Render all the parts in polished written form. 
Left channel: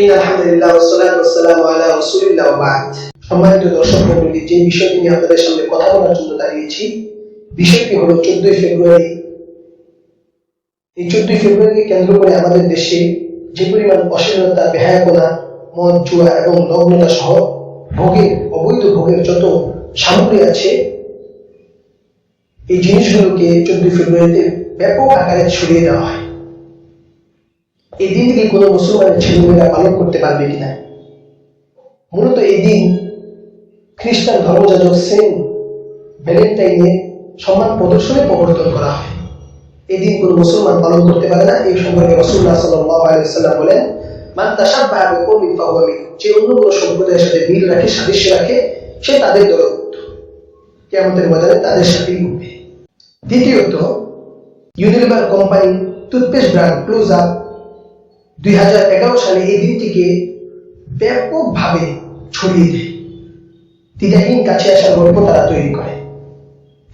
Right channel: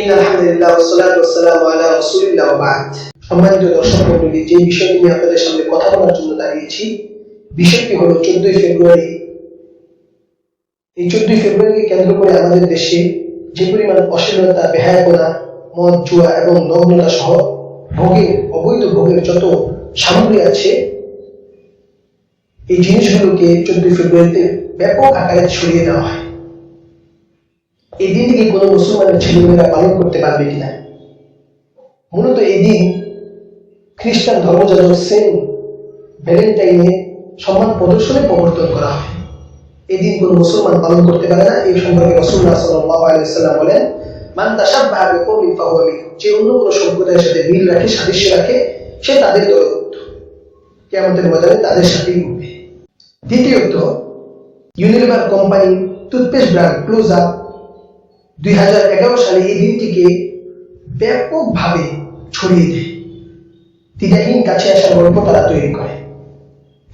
আলহামদুলিল্লাহ ওয়াসসালাতু ওয়াসসালামু আলা রাসূলিল্লাহ ওয়া বা'দ। সম্মানিত দর্শক মণ্ডলী, যে বিষয়টি নিয়ে আপনাদের সামনে কথা বলার জন্য দাঁড়িয়েছি, বিষয়টি হলো 14 ফেব্রুয়ারি। এই 14 ফেব্রুয়ারিকে কেন্দ্র করে আমাদের দেশে যে পরিমাণ অশ্লীলতা, বেহায়াপনা, মদ, জুয়া এবং নগ্নতা সহ অবৈধ ভোগের যত সামগ্রী আছে, এই জিনিসগুলোকে 14 ফেব্রুয়ারিতে ব্যাপক আকারে ছড়িয়ে দেওয়া হয়। এই দিনটিকে কোনো মুসলমানের ছেলেমেয়েরা পালন করতে পারবে কিনা? মূলত এই দিন খ্রিস্টান ধর্মযাজক সেন্ট ভ্যালেন্টাইনের সম্মান প্রদর্শনে প্রবর্তন করা হয়। এই দিন কোনো মুসলমান পালন করতে পারে না। এই সম্পর্কে রাসূলুল্লাহ সাল্লাল্লাহু আলাইহি ওয়াসাল্লাম বলেন, মান তাশাব্বাহা বিকওমিন ফাহুয়া মিনহুম, যে অন্য কোনো সম্প্রদায়ের সাথে মিল রাখে, সাদৃশ্য রাখে, সে তাদের দলভুক্ত। কিয়ামতের ময়দানে তাদের সাথেই উঠবে। দ্বিতীয়ত, Unilever company toothpaste brand close up 2011 সালে এই দিনটিকে ব্যাপকভাবে ছড়িয়ে দেয়। দ্বিধাহীন কাছে আসার গল্প তারা তৈরি করে।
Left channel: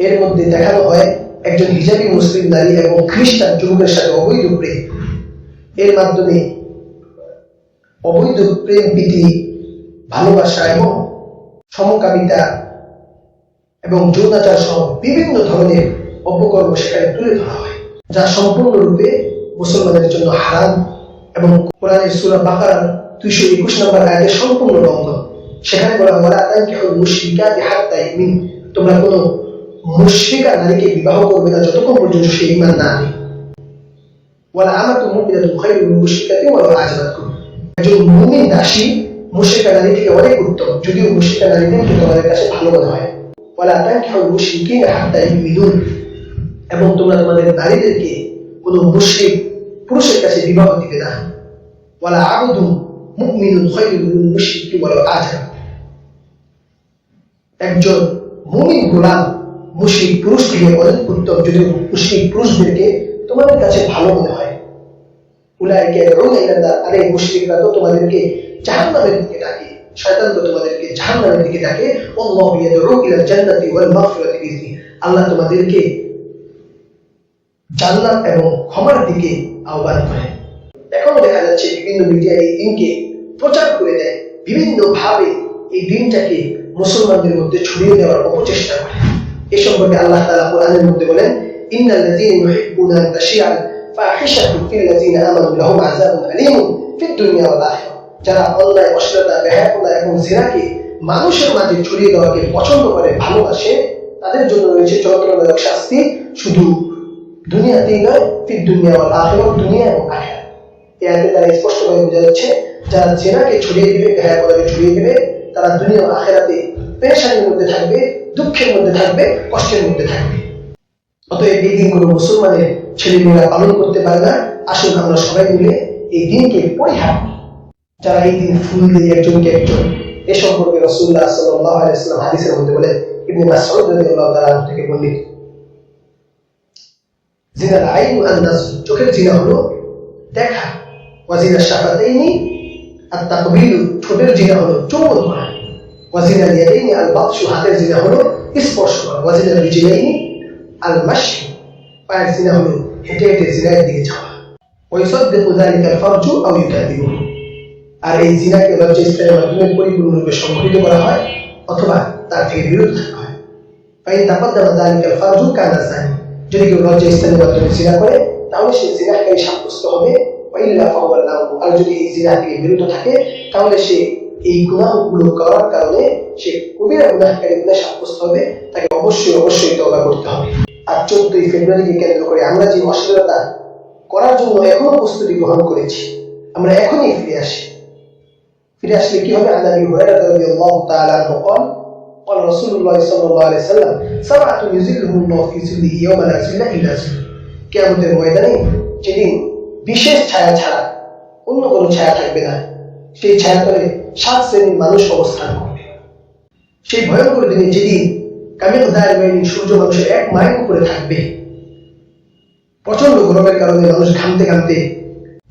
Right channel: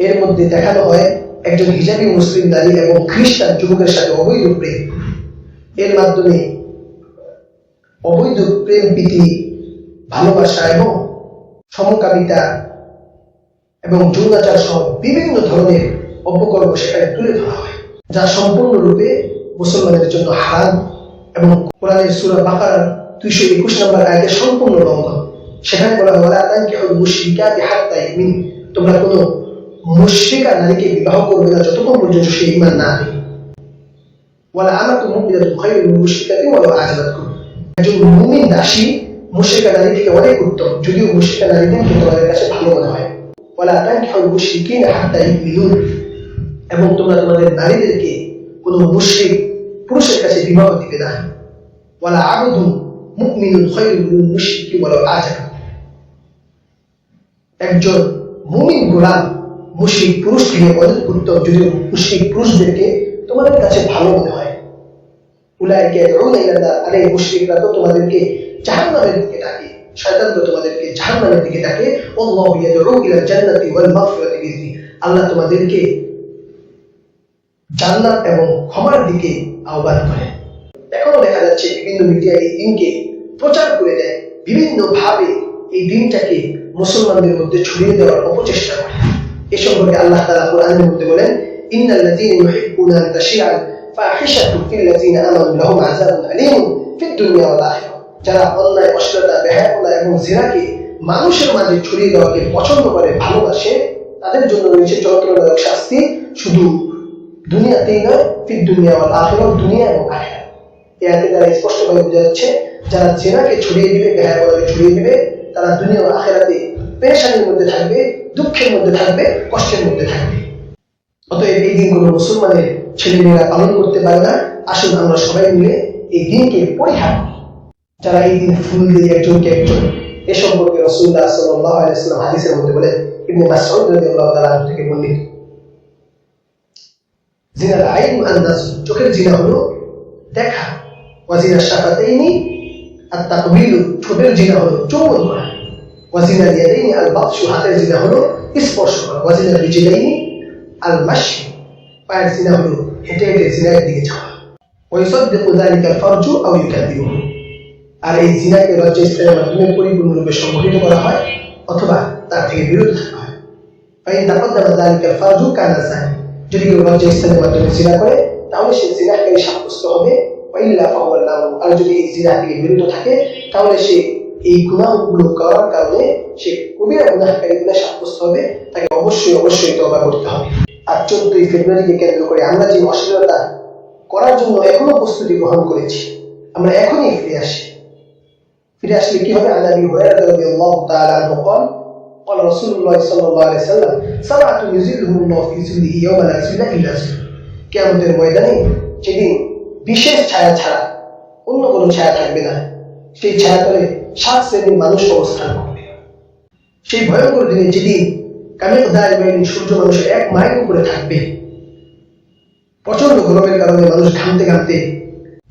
এর মধ্যে দেখানো হয় একজন হিজাবি মুসলিম নারী এবং খ্রিস্টান যুবকের সাথে অবৈধ প্রেম। এর মাধ্যমে অবৈধ প্রেম, প্রীতি, ভালোবাসা এবং সমকামিতা এবং যৌনাচার সহ বিভিন্ন ধরনের অপকর্ম সেখানে তুলে ধরা হয়, যা সম্পূর্ণরূপে মুসলমানের জন্য হারাম এবং কোরআনের সূরা বাকারার 221 নম্বর আয়াতের সম্পূর্ণ লঙ্ঘন। সেখানে বলা হয়, ওয়ালা তানকিহুল মুশরিকাতি হাত্তা ইউমিন, তোমরা কোনো মুশরিকা নারীকে বিবাহ করবে না যতক্ষণ পর্যন্ত সে ঈমান না আনে। ওয়ালা আমাতুন মুমিনাতুন খায়রুম মিন মুশরিকাতিন ওয়ালাউ আ'জাবাতকুম, একজন মুমিন দাসী মুশরিকা নারী থেকে অনেক উত্তম, যদিও মুশরিকা নারীদেরকে তোমাদের কাছে ভালো মনে হয়। ওয়ালা তানকিহুল মুশরিকিনা হাত্তা ইউমিনুন, এবং তোমরা তোমাদের নারীদেরকে কোনো মুশরিক পুরুষের কাছে বিবাহ দিবে না। ওয়ালা আবদুন মুমিনুন খায়রুম মিন মুশরিকিন ওয়ালাউ আ'জাবাতকুম, একজন মুমিন গোলাম মুশরিক পুরুষ থেকে অনেক উত্তম, যদিও মুশরিক পুরুষদেরকে তোমাদের কাছে ভালো মনে হয়। উলাইকা ইয়াদউনা ইলা নার, আরে মুশরিকরা তো তোমাদেরকে জাহান্নামের দিকে ডাকে, শয়তান তো তোমাদেরকে জাহান্নামের দিকে ডাকে। আল্লাহু ইয়াদউ ইলাল জান্নাতি ওয়াল মাগফিরাতি বিইذনি, আল্লাহ তোমাদেরকে জান্নাত এবং ক্ষমার দিকে আহ্বান করে। এখনো দেখা যাচ্ছে বিভিন্ন মিডিয়া এই দিনকে প্রচার করে দেয়, বিভিন্ন ভাবে এই দিনটাকে মুসলমানদের মধ্যে ছড়িয়ে দেওয়ার অপচেষ্টা করে। এ সম্পর্কে আল্লাহ তাআলা কোরআনের মধ্যে বলেন, ইন্নাল্লাযীনা ইউহিব্বুনা আন তাশিআল ফাহিশাতু ফিল্লাযীনা আমানু লাহুম আযাবুন আলীমুন ফিদ দুনিয়া ওয়াল আখিরাহ, যারা অন্যায়, অশ্লীলতা, বেহায়াপনা এবং জিনাকে মানুষের মাঝে ছড়িয়ে দেওয়াকে পছন্দ করে, ভালোবাসে, তাদের জন্য রয়েছে যন্ত্রণাদায়ক শাস্তি, শুধু দুনিয়াতেই নয়, ফিদ দুনিয়া ওয়াল আখিরাহ, দুনিয়া এবং আখিরাত। এই আয়াতের দ্বারা স্পষ্টভাবে বোঝা যাচ্ছে, যারা জিনাকে ছড়িয়ে দিবে, বেহায়াপনাকে ছড়িয়ে দিবে, তারা দুনিয়া ও আখিরাতে পেরেশানির মধ্যে থাকবে, দুঃখের মধ্যে থাকবে, কষ্টের মধ্যে থাকবে। অতএব এই দিন কোনো মুসলমানের ছেলেমেয়েরা পালন করতে পারে না। আসুন আমরা সবাই মিলে এই দিনকে পরিহার করি। যারা এই দিন ফুল দিয়ে একজনকে একজন, এ সম্পর্কে রাসূলুল্লাহ সাল্লাল্লাহু আলাইহি ওয়াসাল্লাম হাদিসের মধ্যে বলেন, ইবনে মাসউদ রাদিয়াল্লাহু তাআলা থেকে বর্ণিত, জিনাল আইনু আন-নাজর, চোখের জিনা হলো দেখা, ওয়া জিনা শাফাতাইনি আত-তাকবিলু, ঠোঁটের জিনা হলো চুম্বন করা, ওয়া জিনাল ইয়াদাইনি আল-বাতশু, হাতের জিনা হলো স্পর্শ করা, ওয়া জিনাল রিজলাইনি আল-মাশি, পায়ের জিনা হলো হেঁটে হেঁটে জিনার দিকে যাওয়া, ওয়া ইউসাদ্দিকু যালিকা আল-ফারজু আও ইউকাযযিবুহু, আর এই জিনাকে লজ্জাস্থানের মাধ্যমে পরিপূর্ণরূপে সংঘটিত করা হয় অথবা তার থেকে বিরত থাকা হয়। ফাইন তাকাদ্দামা যালিকা আল-ফারজু কানা যানি, যদি কেউ লজ্জাস্থানের মাধ্যমে জিনা করে তাহলে সে জিনাকারী সাব্যস্ত হবে, ওয়া ইল্লা ফাহুয়া লাউ, আর যদি এই জিনা থেকে বিরত থাকে তাহলে সে এই গুনাহগুলো করার কারণে সে কবিরা গুনাহকারী বলে সাব্যস্ত হবে, তাকে অবশ্যই তওবা করতে হবে। আর 14 ফেব্রুয়ারিকে কেন্দ্র করে আমরা যে অশ্লীলতা করার জন্য এখনো প্রস্তুতি গ্রহণ করেছি, আমরা এখনই ফিরে আসলে কি হবে? আন আবি হুরায়রা রাদিয়াল্লাহু তাআলা আনহু قال قال رسول الله صلى الله عليه وسلم سبعة يظلهم الله في ظله يوم لا ظل إلا ظله, কিয়ামতের ময়দানে যেদিন বিশেষ ছায়া ছাড়া অন্য কোনো ছায়া থাকবে না, সেই ছায়াতলে 7 শ্রেণীর মানুষ অবস্থান করবে। সেই ভয়ঙ্কর দিনে যেদিন কামিকদার বাইনি, সূর্য মানুষের 1 মাইল উপরে থাকবে, প্রচন্ড গরমের কারণে মানুষ ঘামতে ঘামতে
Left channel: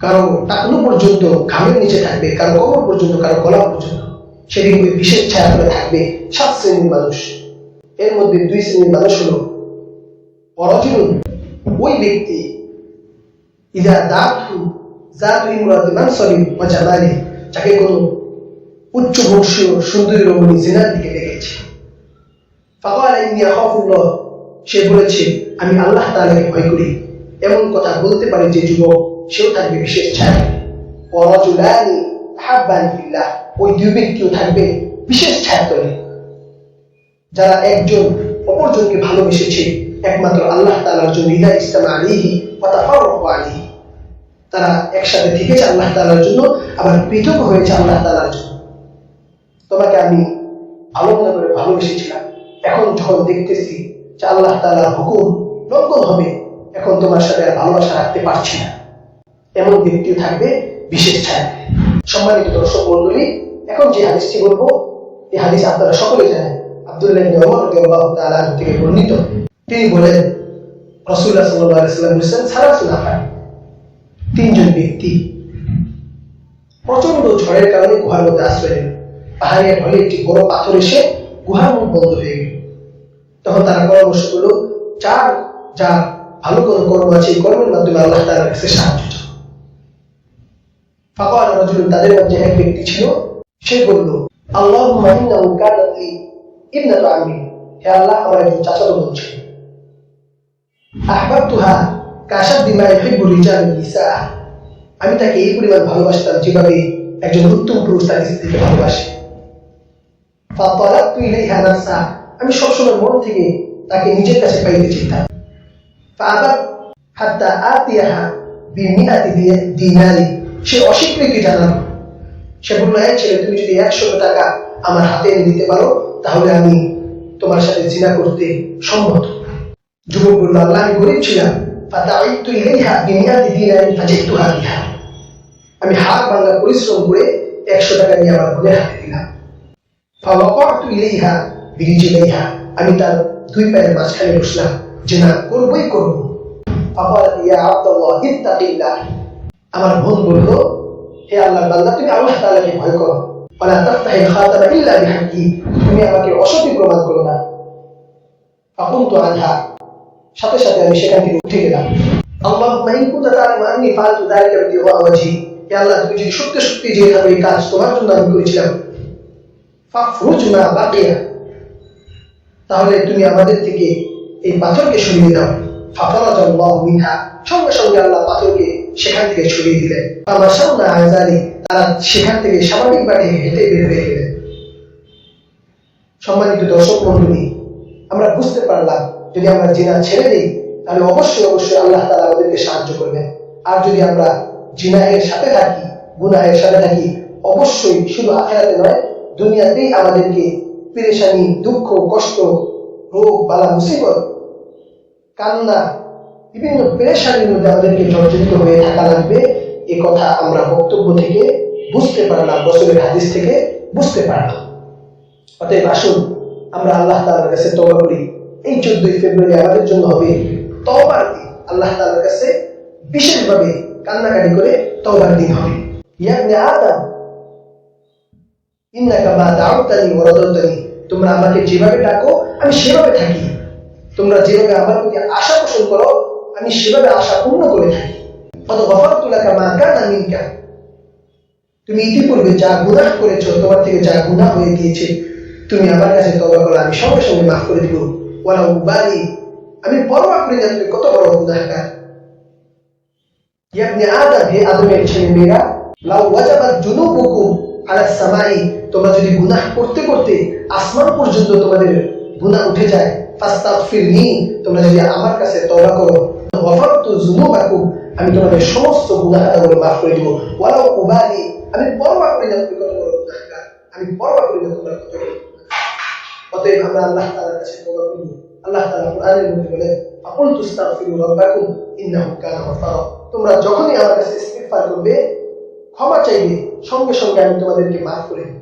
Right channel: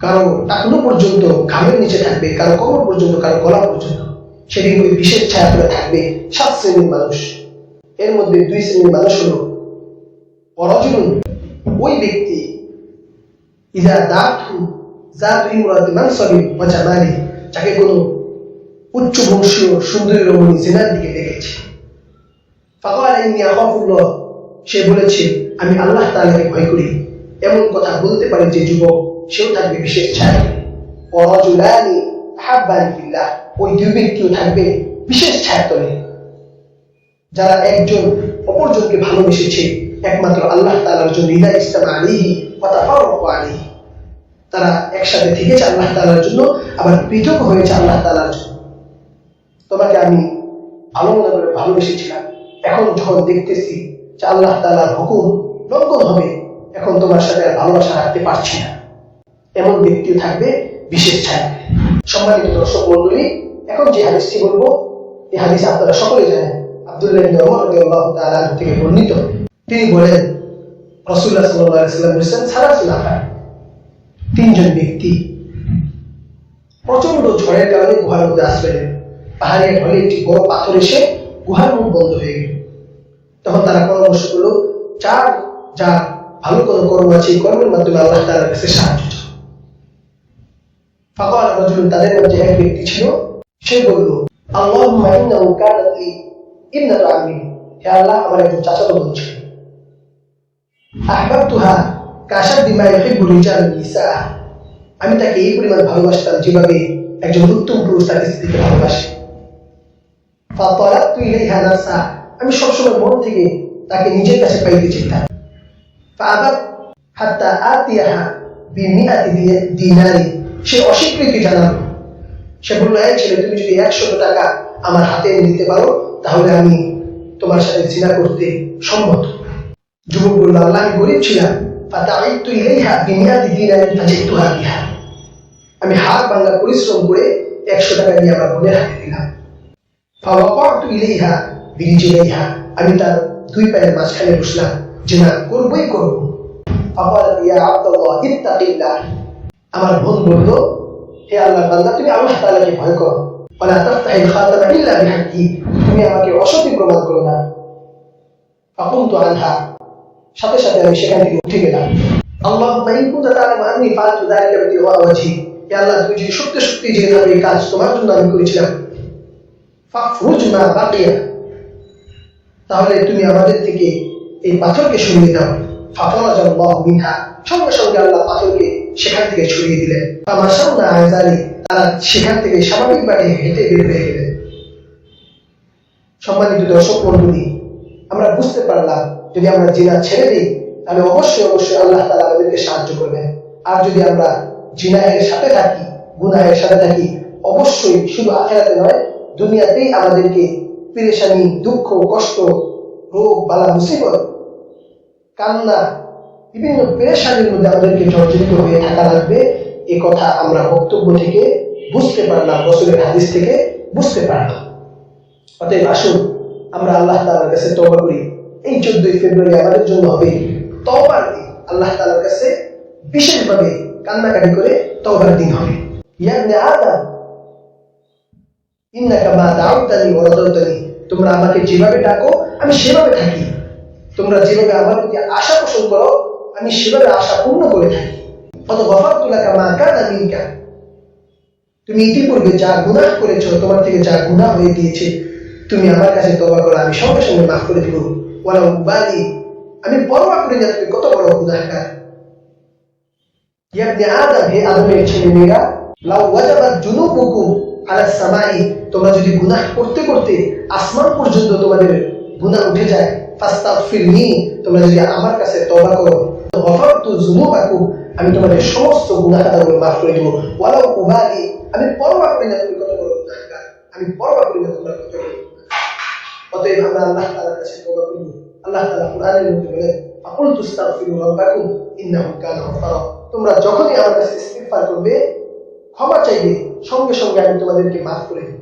কারো টাকনু পর্যন্ত ঘামের নিচে থাকবে, কারো কোমর পর্যন্ত, কারো গলা পর্যন্ত। সেদিন ওই বিশেষ ছায়াতলে থাকবে 7 শ্রেণীর মানুষ। এর মধ্যে 2 শ্রেণীর মানুষ হলো ওয়ারাজুলুন, ওই ব্যক্তি ইযা দাতু জাতু ইমরাতি মানসাবিন ওয়া জামালি, যাকে কোনো উচ্চ বংশীয় সুন্দরী রমণী জিনার দিকে ডেকেছে। ফাকালা ইন্নী আখাফুল্লাহ, সে বলেছে আমি আল্লাহ তাআলাকে ভয় করি। এমন কথা বলতে পারে যে যুবক, সেও থাকবে বিশেষ ছায়া। ওয়ারাজুলানি তাহাব্বানি ফিল্লাহ, ওই দুই ব্যক্তিও থাকবে বিশেষ ছায়াতলে, যারা একজন অপরজনকে ভালোবেসেছে একমাত্র আল্লাহ তাআলার জন্য। ইদা ইজতামা আলাইহি ওয়া তাফাররাকু আলাইহি, তারা একসাথে থেকেছে আল্লাহ তাআলার জন্য, আবার পৃথক হয়েছে আল্লাহ তাআলার জন্য। তোমাকে আমি ভালো মনে করে ভালোবেসেছিলাম, এখন যখন দেখতেছি যে আল্লাহ তাআলার হুকুম লঙ্ঘন হবে, এখন তোমার সাথে আর ভালোবাসা রাখতে পারছি না। এমন ব্যক্তিও থাকবে বিশেষ ছায়া। সম্মানিত দর্শক মণ্ডলী, এখন যে হাদিসটি বলবো, এই হাদিস আপনারা সকলে জানেন। আব্দুল্লাহ ইবনে ওমর রাদিয়াল্লাহু তাআলা আনহু থেকে বর্ণিত। তিনি বলেন, রাসূলুল্লাহ সাল্লাল্লাহু আলাইহি ওয়াসাল্লাম বলেছেন, সালাসুল আফার, তিনজন ব্যক্তি প্রচন্ড ঝড়ের কারণে গুহার মধ্যে আশ্রয় নেন। পাহাড়িয়া ঢলে একটি বড় পাথর এসে গুহার মুখ বন্ধ হয়ে গেল। তখন তারা পরামর্শ করলো, যার ভালো কোনো কর্ম আছে, এই কর্মের মাধ্যমে আল্লাহ তাআলার কাছে সাহায্য চাও। ফাকালা রাজুলুন, তাদের মধ্যে এক ব্যক্তি ছিল, সে বলল, আল্লাহুম্মা ইন্নাহু কানাত লি ইবনাতু আম্মি, হে আল্লাহ, আমার একজন চাচাতো বোন ছিল। আহবাবতুহা কাশাদ্দি মা ইউহিব্বু রিজালুন নিসা, আমি তাকে এই পরিমাণ ভালোবাসতাম যেভাবে একজন উত্তম পুরুষ তার স্ত্রীকে ভালোবাসে। ফাতালাতু ইলাইহা নাসা, আমি সবসময় মন থেকে তাকে নিজের কাছে পাইতে চাইতাম। ফাআবাত হাত্তা আতিয়াহা বিমিআতি দিনারি, সে অস্বীকৃতি জানালো। সে বলল, এই ছেলে, তুমি যদি 100 টাকা আমার হাতে এনে দিতে পারো, তাহলে আমি তোমার সাথে জিনা করতে সম্মত। যুবক বলল, আল্লাহ, আমি গরিব ছিলাম। ফাতাআইতু ইলাইহা বিমিআতি দিনারি ফাজিতুহা বিহা, আমি হাত ভাঙা পরিশ্রম করে 100 টাকা নিয়ে আমার বোনের হাতে দিলাম। ফাওয়াকাতু ইলাইহা বিরিজলাইহা, আমি তার দুই পায়ের মাঝখানে বসলাম, জিনা করবই করব। ফাকালাত ইয়া আব্দুল্লাহ ইত্তাকিল্লাহ, আমার বোন বলল, হে আল্লাহর বান্দা, তুমি আল্লাহ তাআলাকে ভয় করো। ওয়ালা তাফতাহিল খাতামা ইল্লা বিহাক্কি, তুমি আমাকে অসতী প্রমাণ করো না। ফাকুমতু আনহা, সাথে সাথে আমি সেখান থেকে উঠে গেলাম। আল্লাহুম্মা ইন কুনতা তা'লামু আন্নী ফাআলতু যালিকা বিতিগা ওয়াজহি, হে আল্লাহ, তুমি যদি সত্যি সত্যি জেনে থাকো এই কাজ তোমার জন্য আমি করেছিলাম, ফাফরুজ মা বাকিয়া, তাহলে তুমি আমাদের থেকে এই পাথরকে সরিয়ে দাও। ফাফরাজাল্লাহু মিনহা, সঙ্গে সঙ্গে আল্লাহ পাথরকে সেখান থেকে সরিয়ে দিলেন। ফামাশাউনা আযালি, তারা সেখান থেকে স্বাভাবিকভাবে হেঁটে বের হয়ে গেলেন। সম্মানিত দর্শক মণ্ডলী, আমরা বুঝতে পারলাম, যদি আমরা জিনা ছেড়ে দিই, তাহলে অবশ্যই অবশ্যই আল্লাহ তাআলা আমাদেরকে সাহায্য করবেন। আর যদি আমরা জিনাহের সাথে থাকি, গুনাহের সাথে থাকি, অবশ্যই শুধু আখিরাতে নয়, দুনিয়াতেই আমাদেরকে পেরেশানি, দুঃখ, কষ্ট, রোগ, বালা, মুসিবত, কান্না, বিভিন্ন পেরেশানির মধ্যে আমাদেরকে জর্জরিত হয়ে থাকা লাগবে। এ কথা আমরা বক্তব্য থেকে বুঝতে পারলাম, রাসূলের হাদিস থেকে বুঝতে পারলাম। অতএব আসুন আমরা আল্লাহ তাআলার কাছে তওবা করি। এই 14 ফেব্রুয়ারি আমাদের জন্য হবে তওবার দিন। আল্লাহ তাআলার কাছে বিশেষভাবে কান্নাকাটি করে তওবার দিন হবে। ইয়া ইবনে আদম ইন্নাকা মা দাউতানি ওয়া রাদাউতানি, তোমরা আমাকে যেভাবে ডাকো আমি সেভাবে থাকি, তোমরা যেভাবে আমার প্রতি আশা পোষণ করো আমি সেভাবে আশা পূর্ণ করে থাকি। কত গফারতু লাকা মা কানা মিনকা, তুমি ইতিপূর্বে যা গুনাহ করেছো, তোমার থেকে যা গুনাহ হয়ে গিয়েছে, তুমি আমার কাছে তওবা করো, আমি সঙ্গে সঙ্গে মাফ করে দিব। ওয়ালা উবালি, আমি পরোয়া করি না তুমি কত বড় গুনাহগার। ইয়া ইবনে আদম, হে আদমের ছেলে মেয়েরা, লাউ ওয়াজাবাত জুনুবুকুম আলা সামাই, তোমরা যদি গুনাহ করতে করতে আসমান পর্যন্ত তোমাদের গুনাহ উঠে যায়, ফাস্তাগফিরনি, তোমরা যদি আমার কাছে তওবা করো, গফারতু যুনুবাকুম, আমি তোমাদের সমস্ত গুনাহ খাতাগুলো মাফ করে দিব। ওয়ালাউ উবালি, আমি পরোয়া করি না তুমি কত বড় গুনাহগার, আমি পরোয়া করি না তোমরা কত বড়। অতএব আমরা আল্লাহ তাআলার কাছে তওবা করব। আল্লাহ তাআলা কোরআনের মধ্যে বলেন, ফাকুল তুস্তাগফিরু রাব্বাকুম ইন্নাহু কানা গফারা, তোমরা যখনই আমার কাছে ইস্তিগফার করবে, ক্ষমা চাইবে, সঙ্গে সঙ্গে আমি তোমাদেরকে মাফ করে দেব।